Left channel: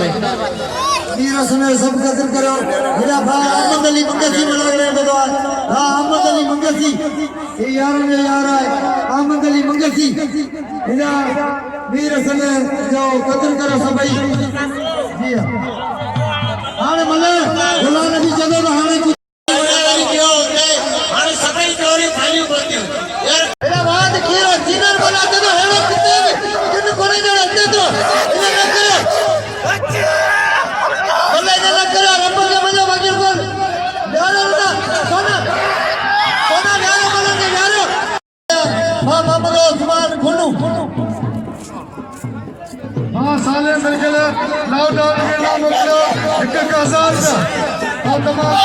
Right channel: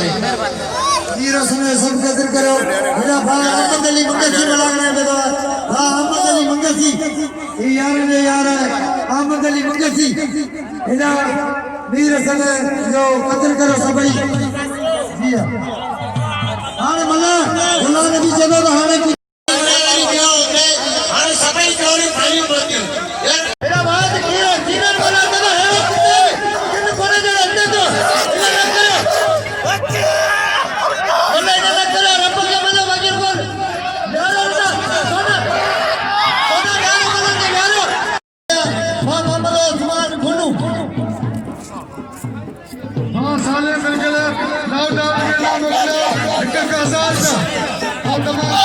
रहे वीरों समय सब कदर करो मेरा भाई अहमद अली मुंगसी बुला रहे हैं हां अहमद अली मुंगसी ये यार है अहमद अली मुंगसी मेरा वीर समय जो कदर करो सब जी हां मला बुला नबी जगह हाने की सभी चोरी थई बोती मेरा बात कीरो जीवन बोला तो है वो कितने किन कोने जो रहते तो इन्हें ना करो अल्लाह इन्हें ना करो रब के मजा वजीर बोल यारो ना कोना यारो बोलेंगे यारो हां मोहम्मद उस्मान गुल्लू हां साले मिलके लॉकडाउन में मुगलो एक आजाद था और तमाम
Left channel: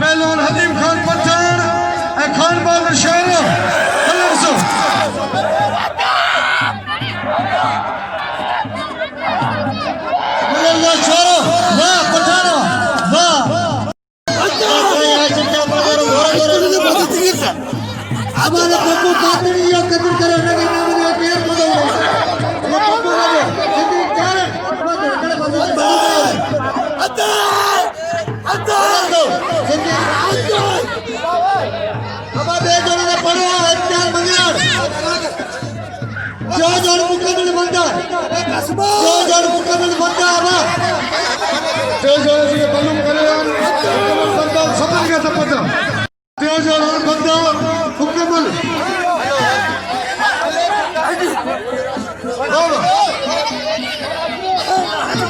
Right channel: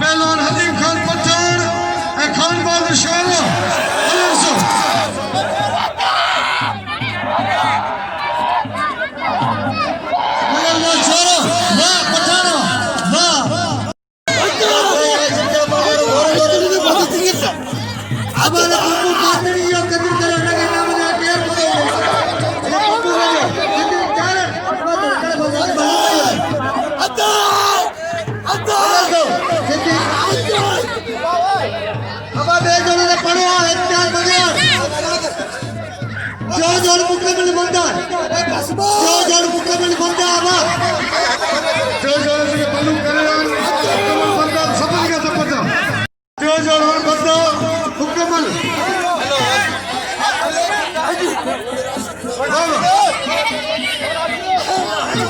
पहलवान हदीम खान पठान खान बहादुर शाह अब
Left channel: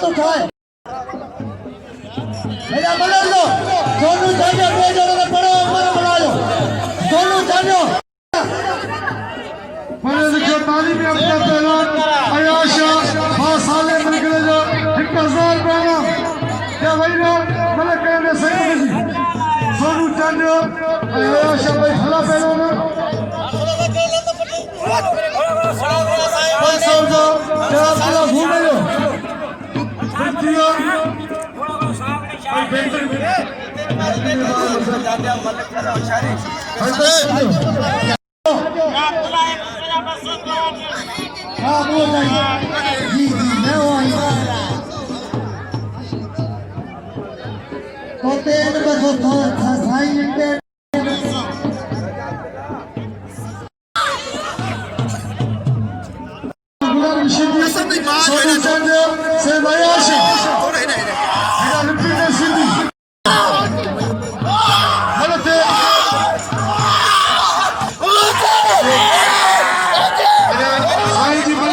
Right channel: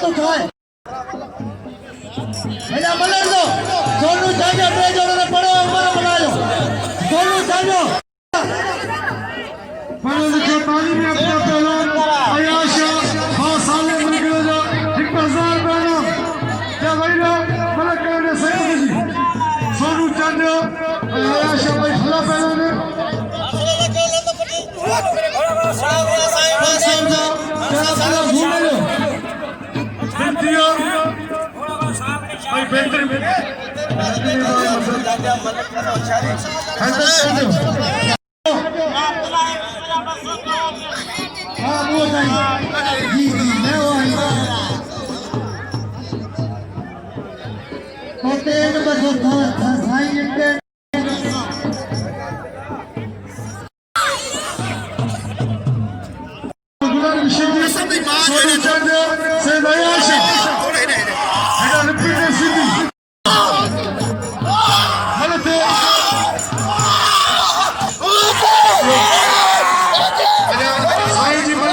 तो खाए एना मलर दो दोनों जाने पे जोड़े पड़ो मन बनायो दोनों जानो पढ़े लिखे तालीम अपना पहलवान अयाशा हाँ साले मिलकर जो 1000 बहनों या वही लोग मतलब कहने सही जी सोनू चंद अयाशा भाई भला पहलवान है अपना घूमे लो भाई बेहतर हाँ वो जाइए जी जी मैं वो आई तो तेन बस वो था साई इंटे सोनू चंद से अयाशा मेरा रिपीट है सिंधी गलत है साईं जी मेरा बहुत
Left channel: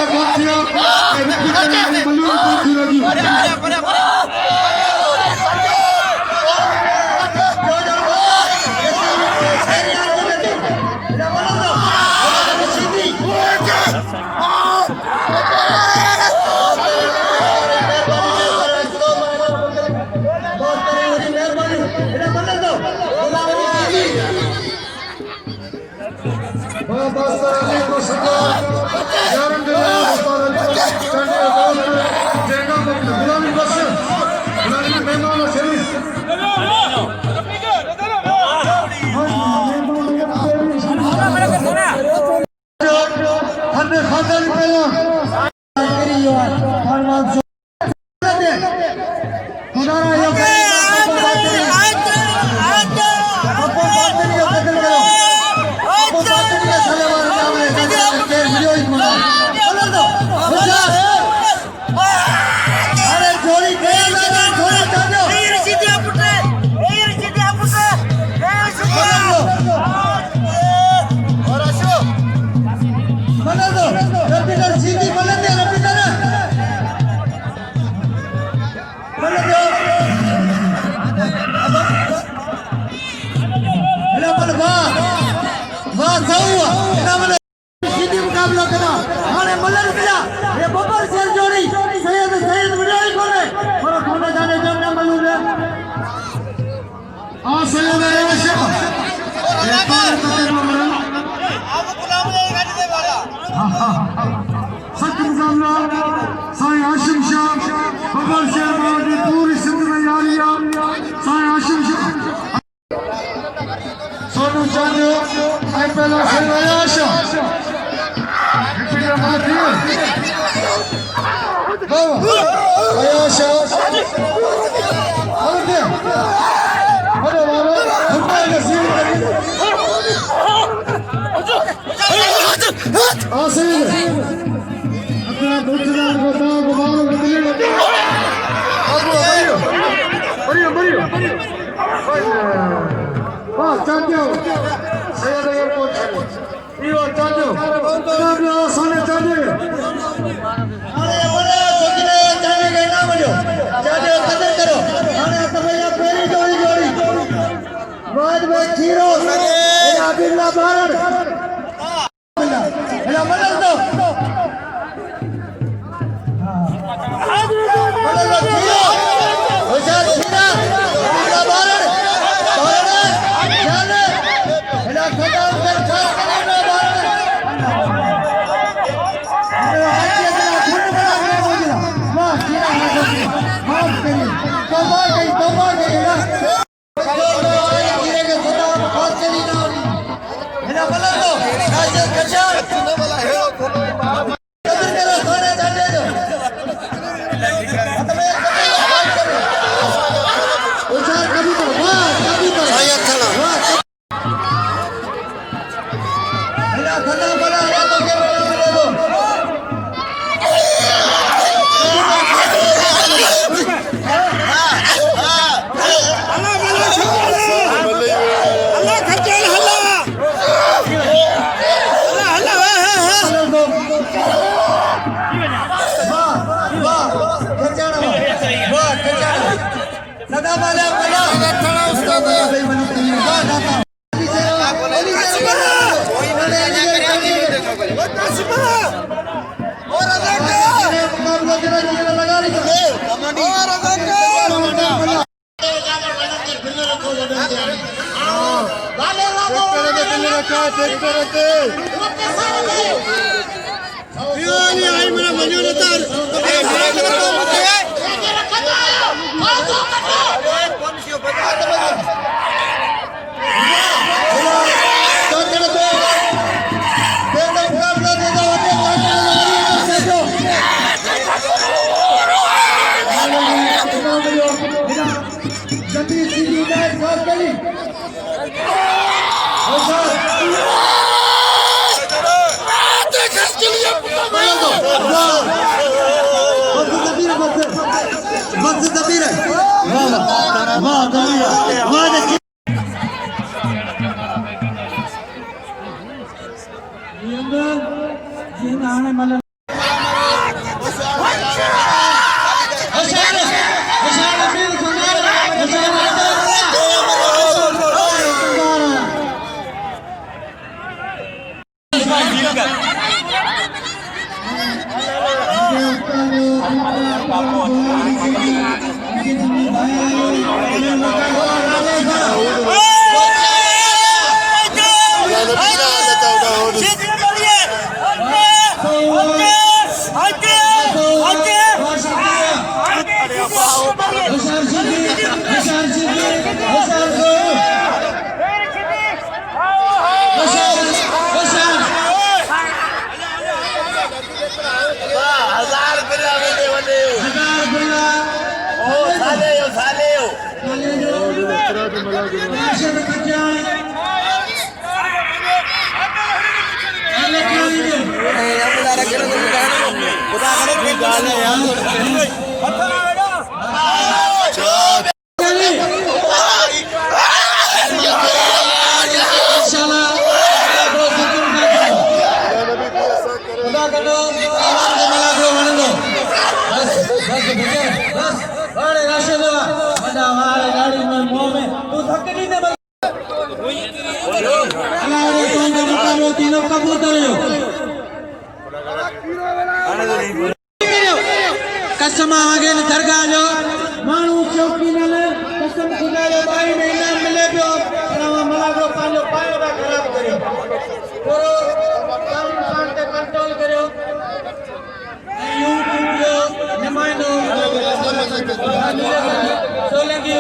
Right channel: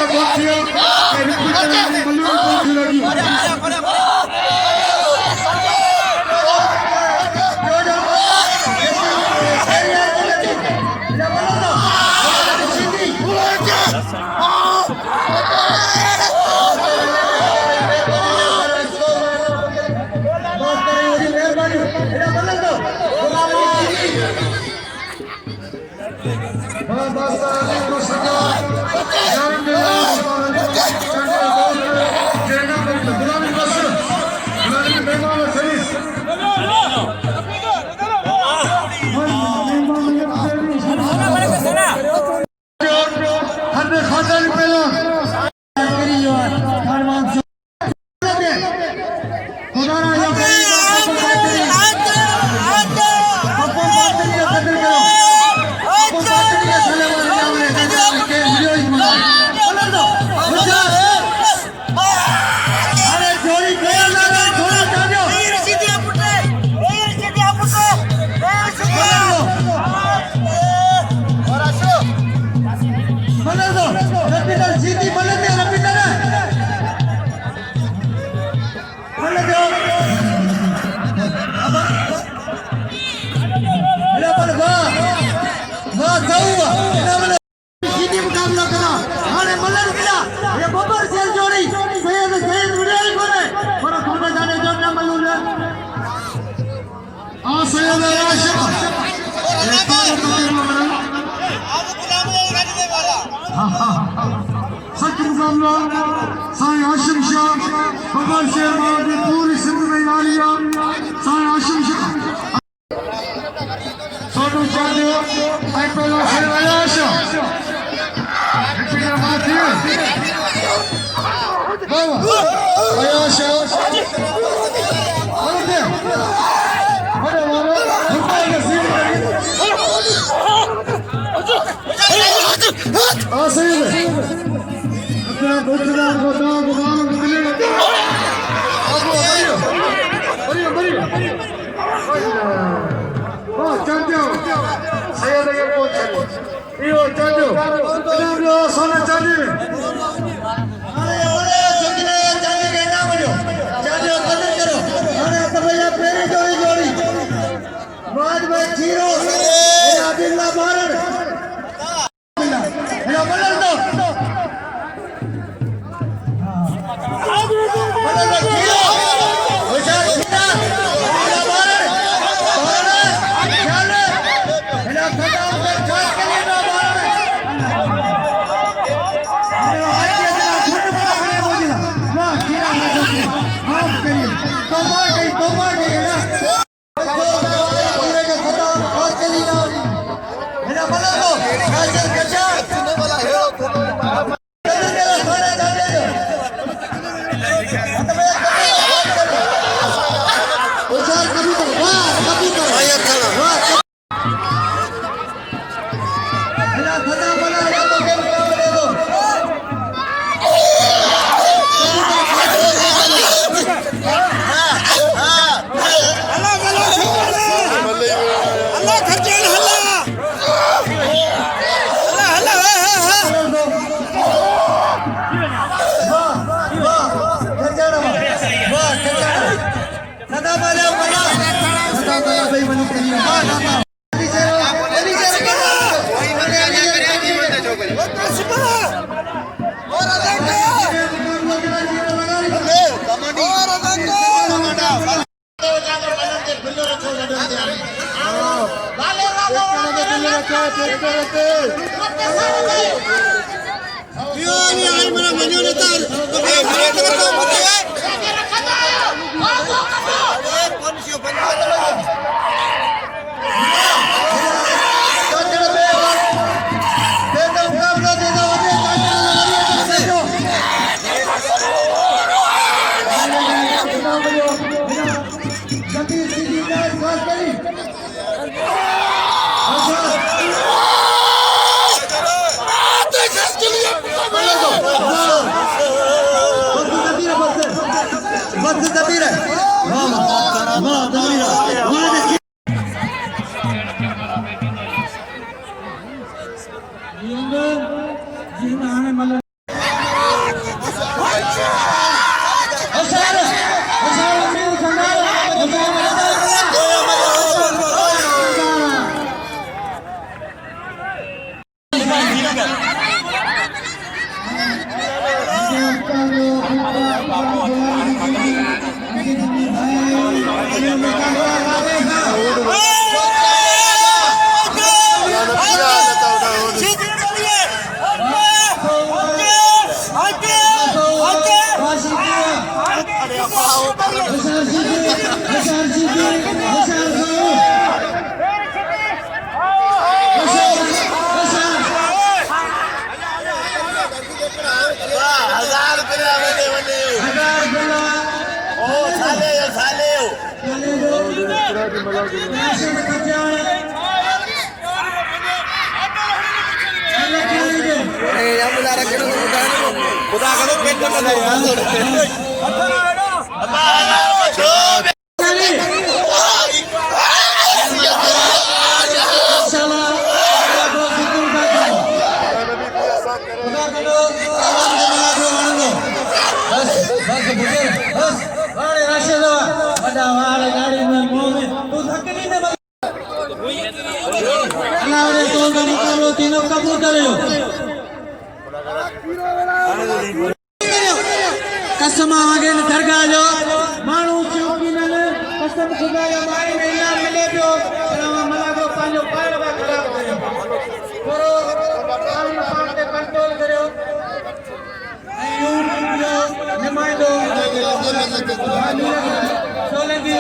किया मुकाबला करा हाने मल्लर मिला ये बबर सेल जोड़ी सैयद विदाई करे पर खोने जाने जोने मल्लू ने आ सैयद आयशा ये तार तार मामला सच मुकाबला साईं हाशिम शाह बबर सेल मादी पूरी सिंध में यारिया साईं हाशिम शाह सोनू चंद आई पहला Syed Ayesha Ayasha, hadi de, hadi baba, hadi nasıl Asayım. Akına kurtulan kota, kumarı kutulan. Bariyo. Bak, çantiyo. Sayada yer koçu. İyo, çantiyo. Çantiyo, sana çantiyo. बाद में जीरो अब्दुल्ला भारत मेरा मदद दो मदद दो जीरो विशाल खिला अब्दुल्ला भारत चल मेरा खत्म कर खास करिए ना भारत मेरा हाथ के अंदर खून बना के बोला वाह खिला माफ करिए तौबा गई ना मेरा मदद दो तीनों कबूतर कसम आगे दरगाह जो माण्हू चौकी न कसम खुदा जो महीना मिले पियो मला जो पंहिंजो पाण था ख़राब करियो थोरो कानून सां ते कंट्रोल करियो यूट्यूब जो नुमाइंदो सोलंकी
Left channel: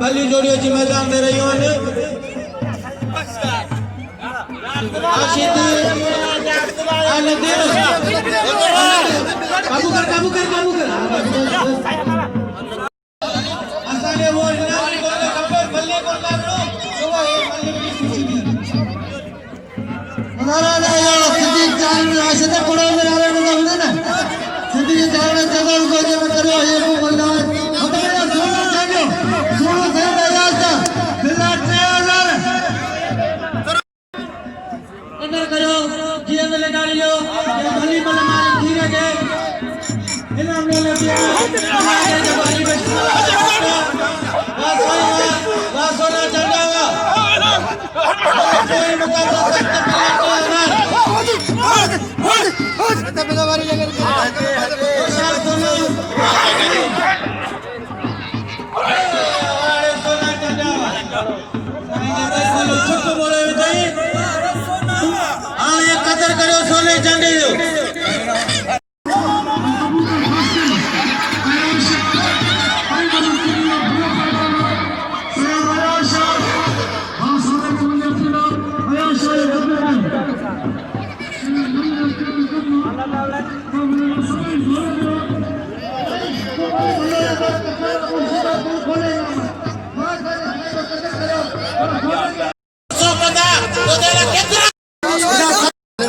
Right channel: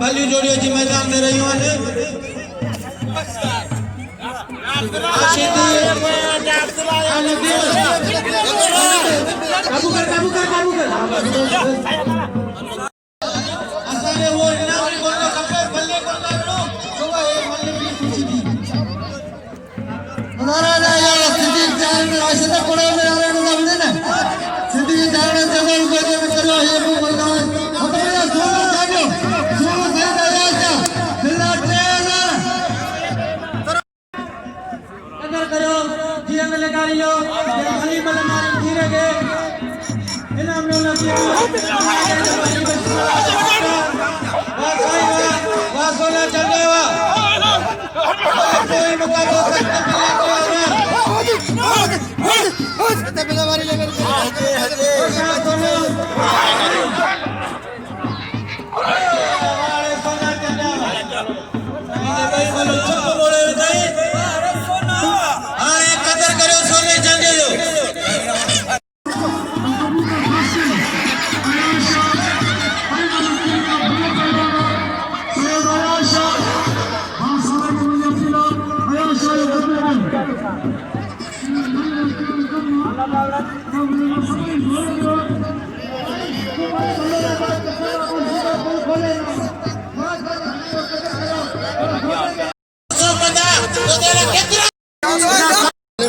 पहली जोड़ियों की मैदान में रही है असाने वो इनाम बोलनो खपे बल्ले कोन्नारो तो वो एक मल्ले की खुशी की मनारा या सिद्धि चाल में आशा पड़े मेरा रे ना सिद्धि चाल में जगह को करो ये को बोलना हम तो यार सोना चाहिए सोना से दया जा मिला 3000 करो जीवन में लगाइयो गली में हमारे धीरे गए इनाम लो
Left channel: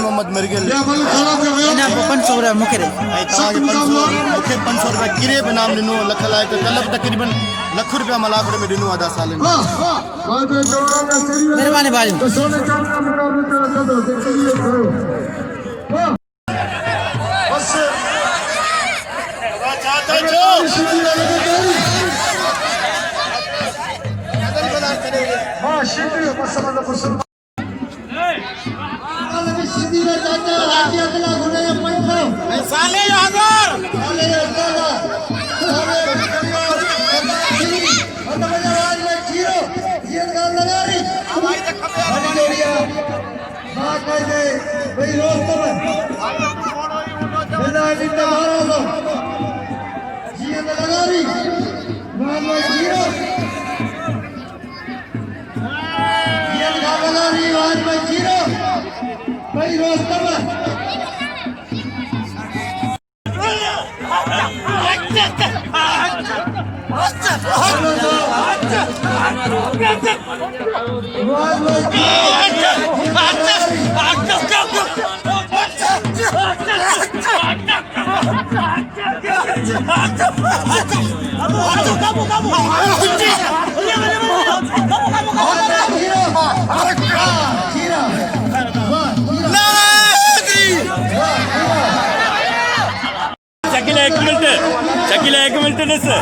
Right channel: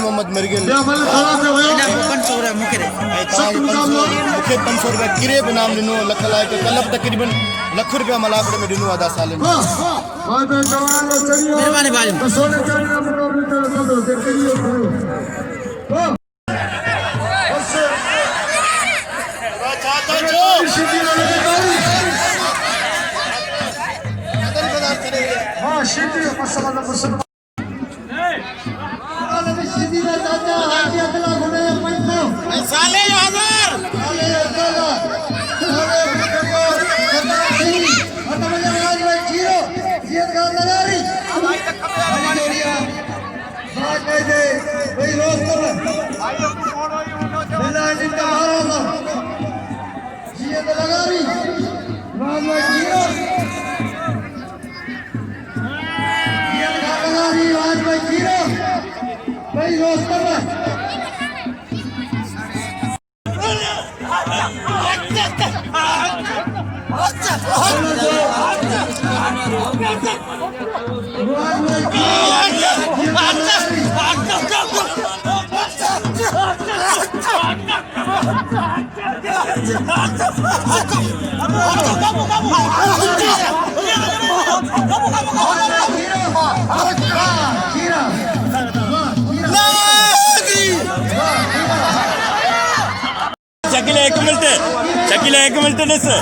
मोहम्मद मरगिल या भले खाना पे होयो 500 रुपया मुखे रे मुखे 500 रुपया किरे पे नाम दिनो लख लाए पे कलब तकरीबन लाख रुपया मलाकड़ में दिनो आधा साल में हां भाई जवान चढ़ियो मेहरबानी भाई तो सोने चांदी का मुकाबला कर दो देखियो करो बस चाहता जो कदल पदार्थ करेंगे हां शिद्र मुसलमान मुसलमान सीधी चाचा हाथी अगला घुमे पंचो साले हजार शकील एक मिनट नसं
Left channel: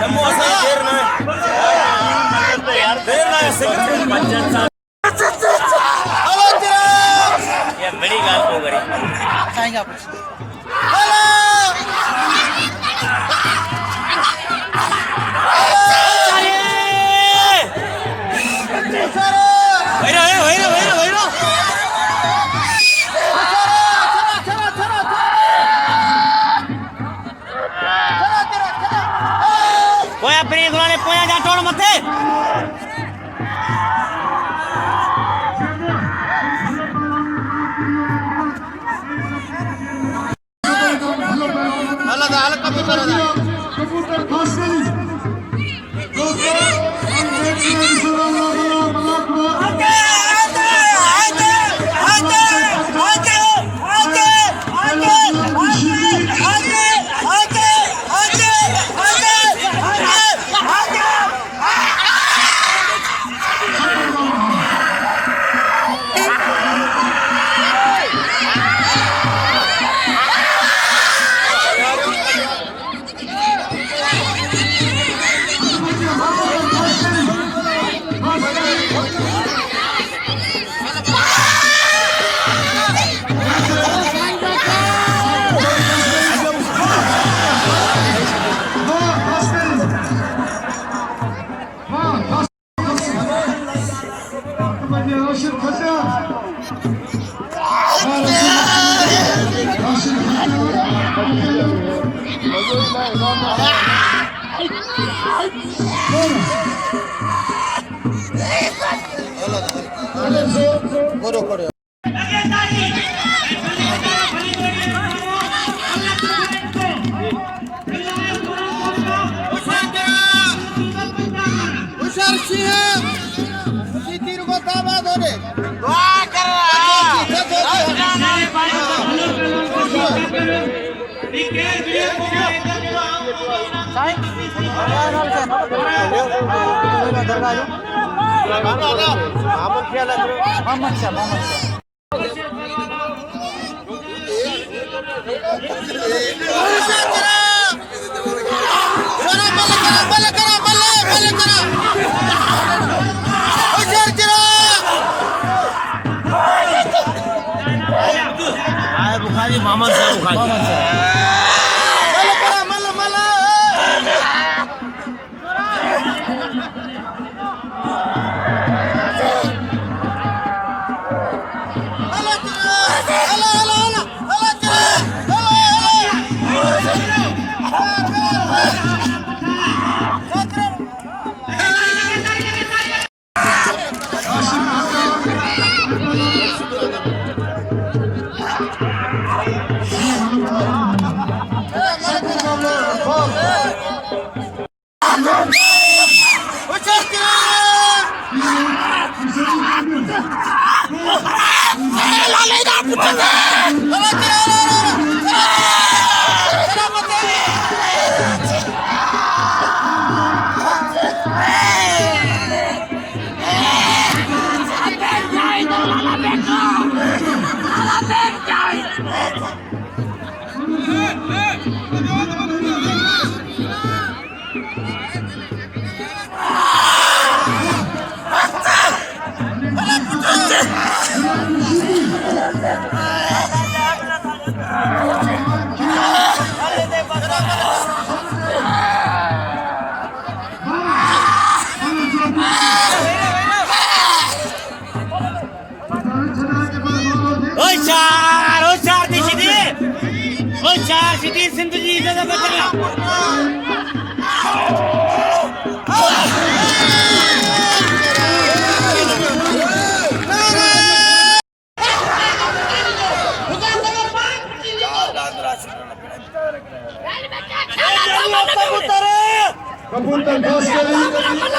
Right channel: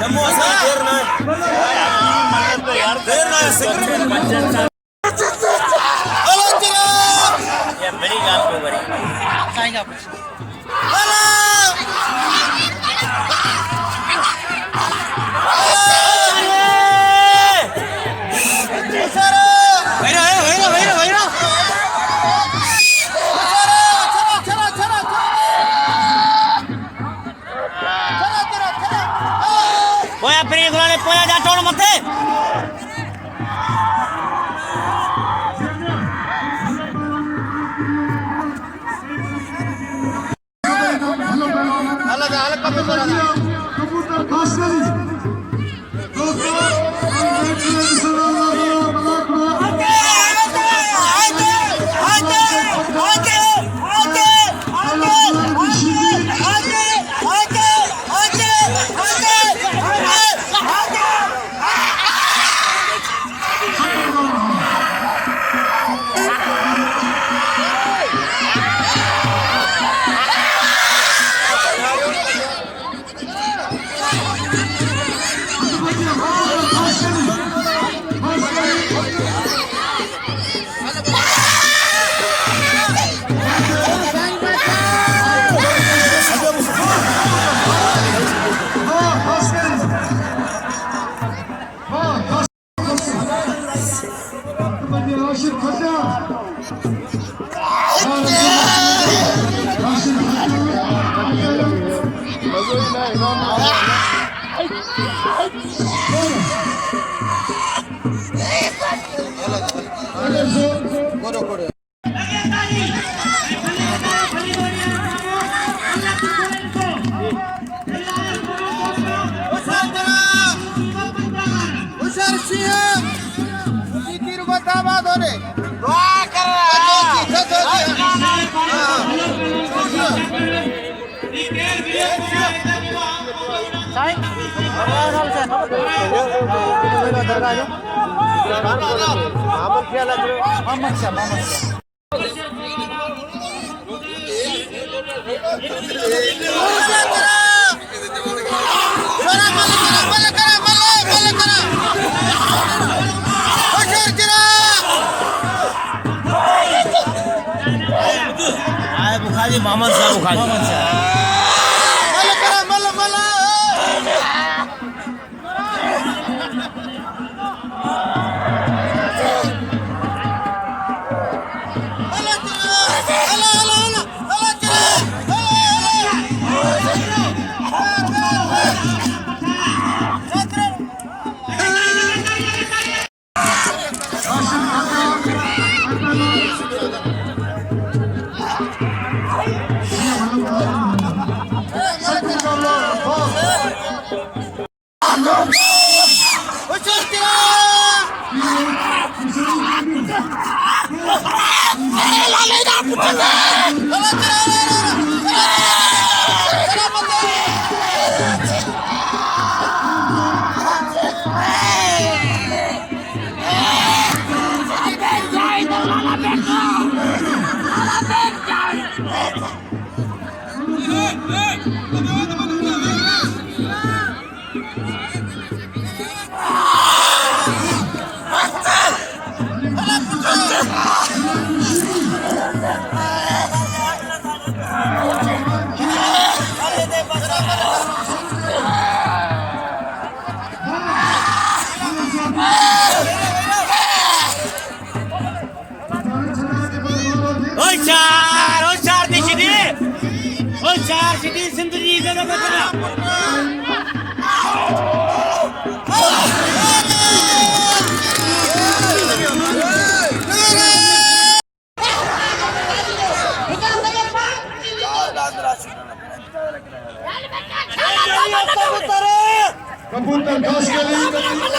कबूतर खास करी दोस्तों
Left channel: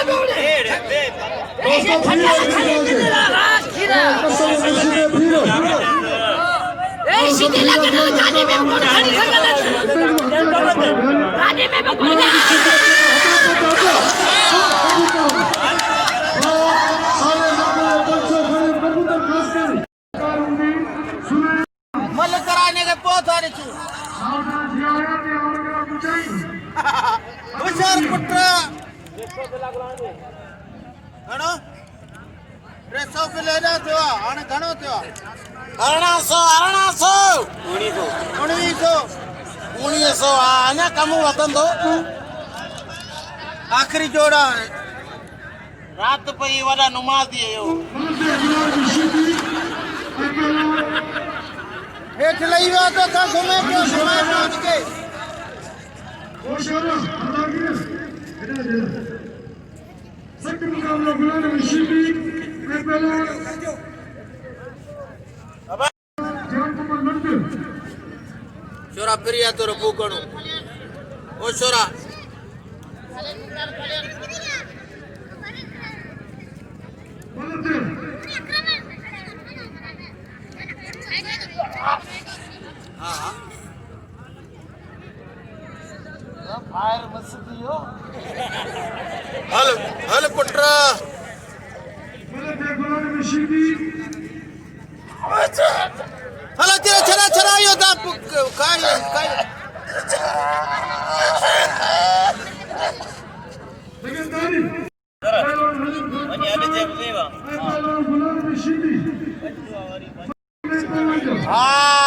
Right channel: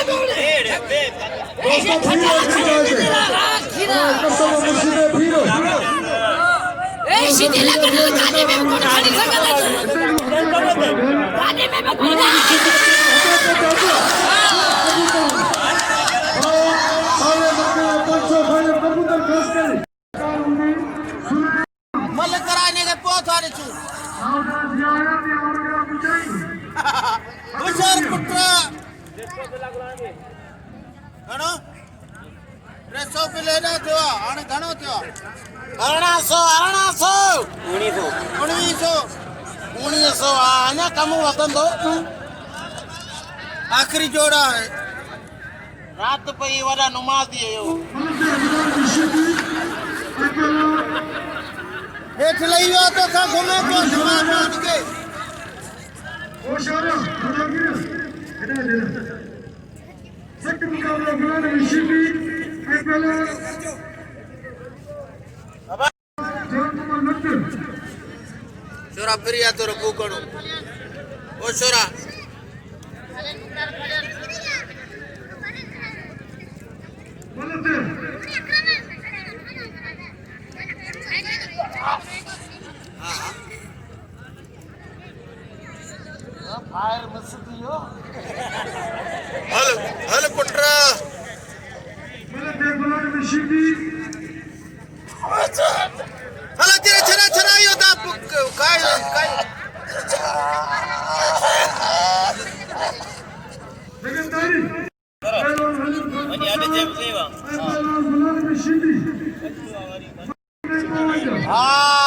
फिरो कसम मुर्शिदे फिरो मल कराने के पोत वाले चू हुशार पुत्र घणो 300 पे लेना थियो हाणे घणो थियो 1900 अञा कम वधंदो आखिरी जोड़ा रात पई वॾा नुमाज़ थी वियो हेठ लही वियो त असां घुमे पियो पहुच के छोरा प्रिया तो रबू कणो ओ छोरा फायर मस्त हो हल हल पुत्रा हला तेरा छरा छरा यो दा काय काय आणि आले जे सेवा हां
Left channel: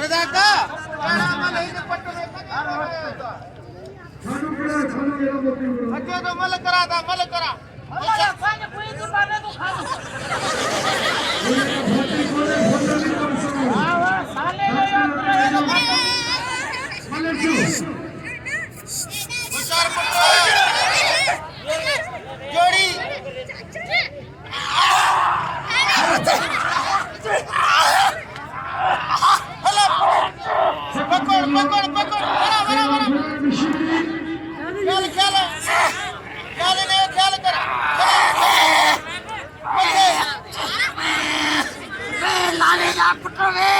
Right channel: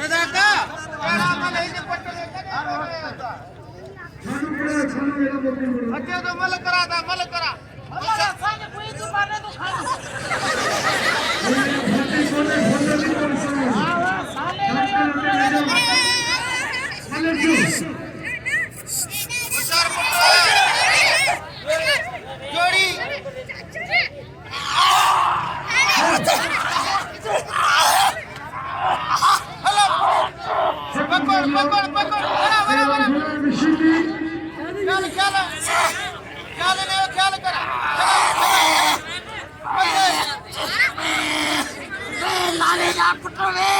रजाका बच्चे तो मल करा था मल करा हमारा खाने कोई नहीं माने तो खाने हाँ वाह साले ले यार पूरे ये लोग खाते जोड़ी पकड़ पकड़ ख्याल कर लाले जा पुत्र वे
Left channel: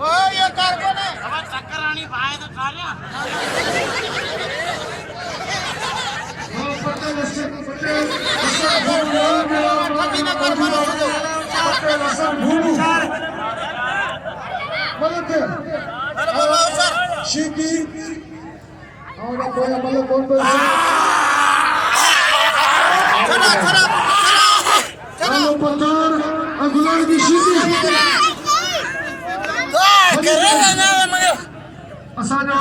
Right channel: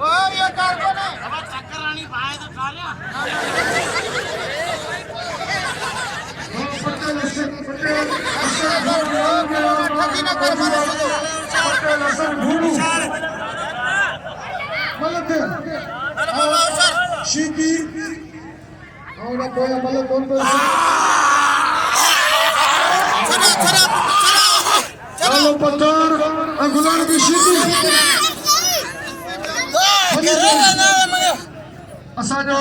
और ये कारखाना अब चक्कर आनी पाए तो सालिया शिकी और बोला कौन चलो पत्थर गुलाम की शिकी असांजो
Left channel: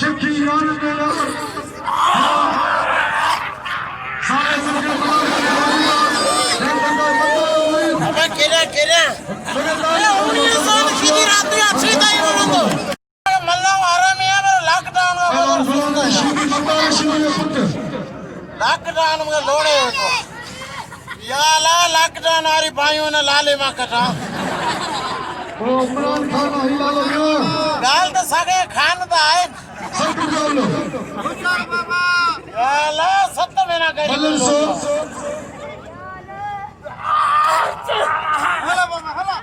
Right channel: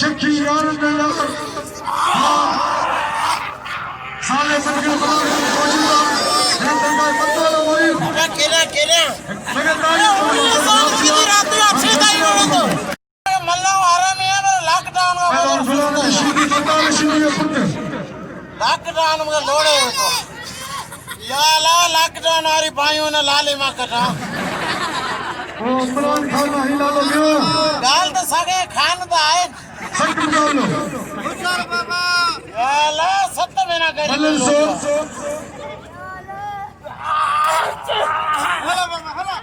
शिकी यार तेरा सारे संगीत केला केला सीधी रात में अच्छी नहीं होगा मल्ला आराम है लॉकडाउन लॉकडाउन में लोड़े तो याला लॉकडाउन आरी भाइयों ने लाले मा कटा इमरान खान हिला लो गाल तो सगे खान दा है याला सत्त महीना करी हला बाबा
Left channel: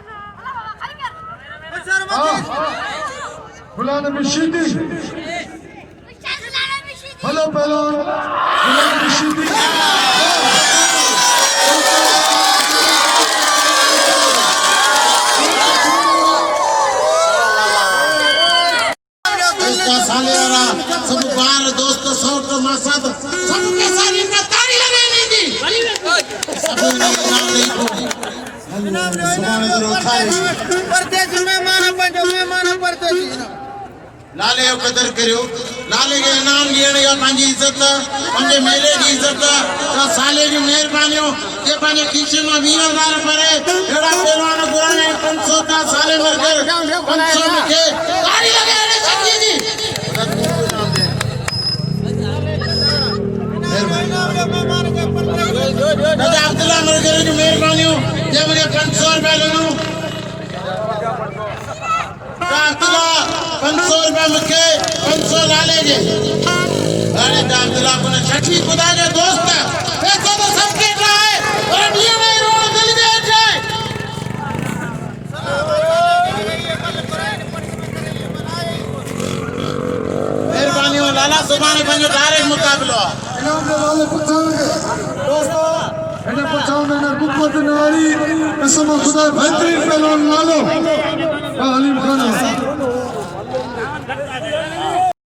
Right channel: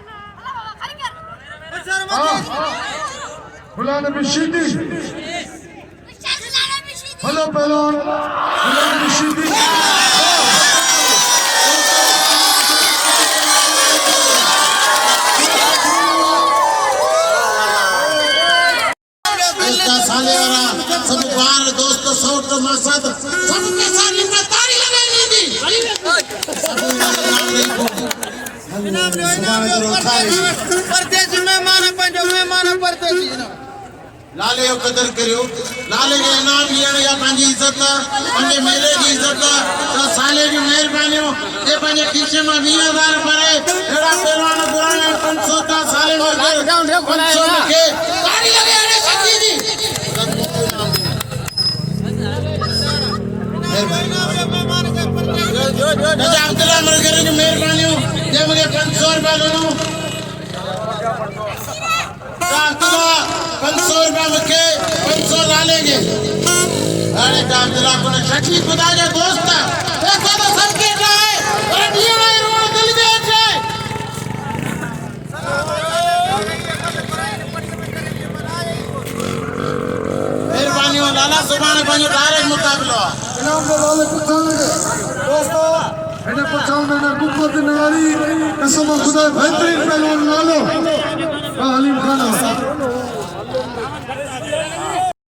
हला गुलाम की शिकी हेलो पहलो गुलाम की शिकी साले वाला सब बाहर दोस्त साउथ का मकसद सबके साथ इनका ताली लगानी थी लाले जो कदर करियो लाले के इनाम लियण या पंहिंजी इज्जत पंहिंजे मेले जी इज्जत साले जी महिरबानियूं जे पंहिंजे खीसे मां 20,000 भरे अहिड़ा पहलवान घुराया 500 का साले वर्गे 500 मूंखे ताड़ी लॻाइण सची जी अब्दुल्ला मुर्गरी जी महिरबानियूं जे मूंखे 500 रुपया ॾिनो अब्दुल्ला 500 रुपया मूंखे 500 लाले जे हाणे अब्दुल्ला को छठी खुदा जो दोस्त पैसो तो सबके है पर ॾींहं में रोड दिल जे अचे महिरबानियूं लाला सुभाणे पंहिंजो डायरेक्ट मुक़ाबिलो आहे इनाम के लाले पठान के दोस्तों इन्हें पठान में ना कुकुत नारी कसम खुदा बेहतरीन पहलवान लालो हलीम खान